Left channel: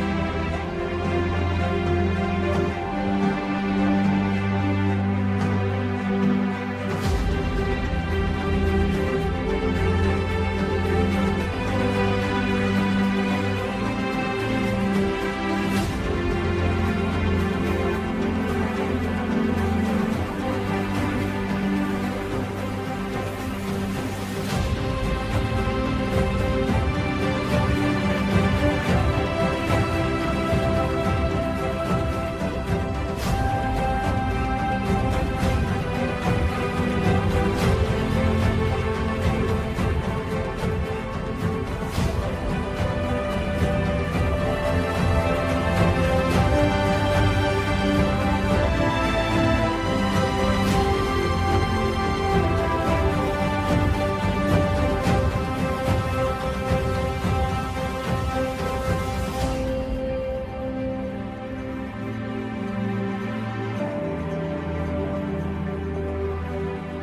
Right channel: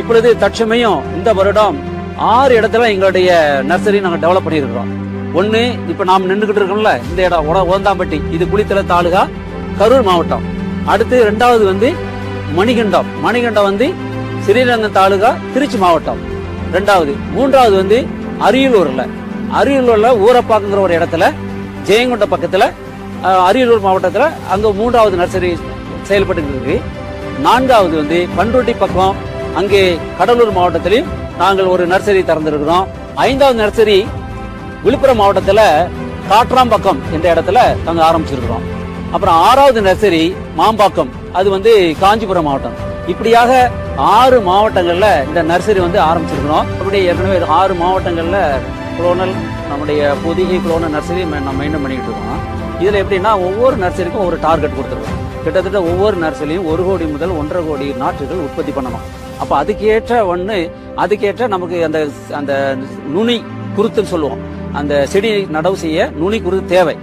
இப்பொழுது தற்சமயம் இந்த வருடம் ஆறு இடத்துல எங்களுடைய நர்சரி நாங்கள் டெவலப் பண்ணியிருக்கிறோம். ஒன்று இப்போ நாம் நின்றுகிட்டு இருக்கோம்ல இந்த இடம் உட ஓந்தாம்பட்டி இது குளித்தல தாலுகா கரூர் மாவட்டம். அடுத்து ரெண்டாவது வந்து மணிகண்டம். மணிகண்டம் வந்து ஸ்ரீரங்கம் தாலுகா திருச்சி மாவட்டம். ரெண்டாவது. மூன்றாவது வந்து அரியலூர்ல. அரியலூர்ல ஊரப்பாக்குங்கிற ஒரு இடத்துல ஜெயங்கொண்ட பக்கத்தில் அரியலூர் மாவட்டத்தில் அங்கே மூன்றாவது நர்சரி செயல்பட்டு இருக்கு. நான்காவது வந்து பண்ருட்டி பக்கம் அங்கே கடலூர் மாவட்டத்திலையும் நாங்கள் ஒரு நர்சரி திறந்திருக்கிறோம். ஐந்தாவது நர்சரி விழுப்புரம் மாவட்டத்தில் காற்றாம்பக்கம் என்ற இடத்துல தங்க ஆரம்பிச்சிருக்கிறோம். அப்புறம் ஆறாவது நர்சரி மாம்பாக்கம் அது வந்து காஞ்சிபுரம் மாவட்டம். இப்படியாக ஆறு மாவட்டங்களில் இந்த நர்சரி வந்து ஆரம்பிச்சிருக்கிறோம். நம்முடைய ஏற்கனவே ஆறு மாவட்டங்களில் குளோனல் நம்முடைய புதிய குளோனல் நர்சரி நம்ம மெயின்டைன் பண்ணிட்டு இருக்கோம். இதில் எப்படின்னா ஒவ்வொரு நர்சரிக்கும் ஒரு டார்கெட் கொடுத்துருக்கோம். கிட்டத்தட்ட ஒவ்வொரு நர்சரியும் ஒரு கோடி முதல் ஒன்றரை கோடி நாற்றுகள் உற்பத்தி பண்ணணும். அப்போ அதுக்கேற்ற ஒன்று அதுக்கேற்ற நமக்கு அந்த அந்த நுனி குருத்துன்னு சொல்லுவோம். அந்த செடி நடவு செய்ய நுனி குருத்து தேவை.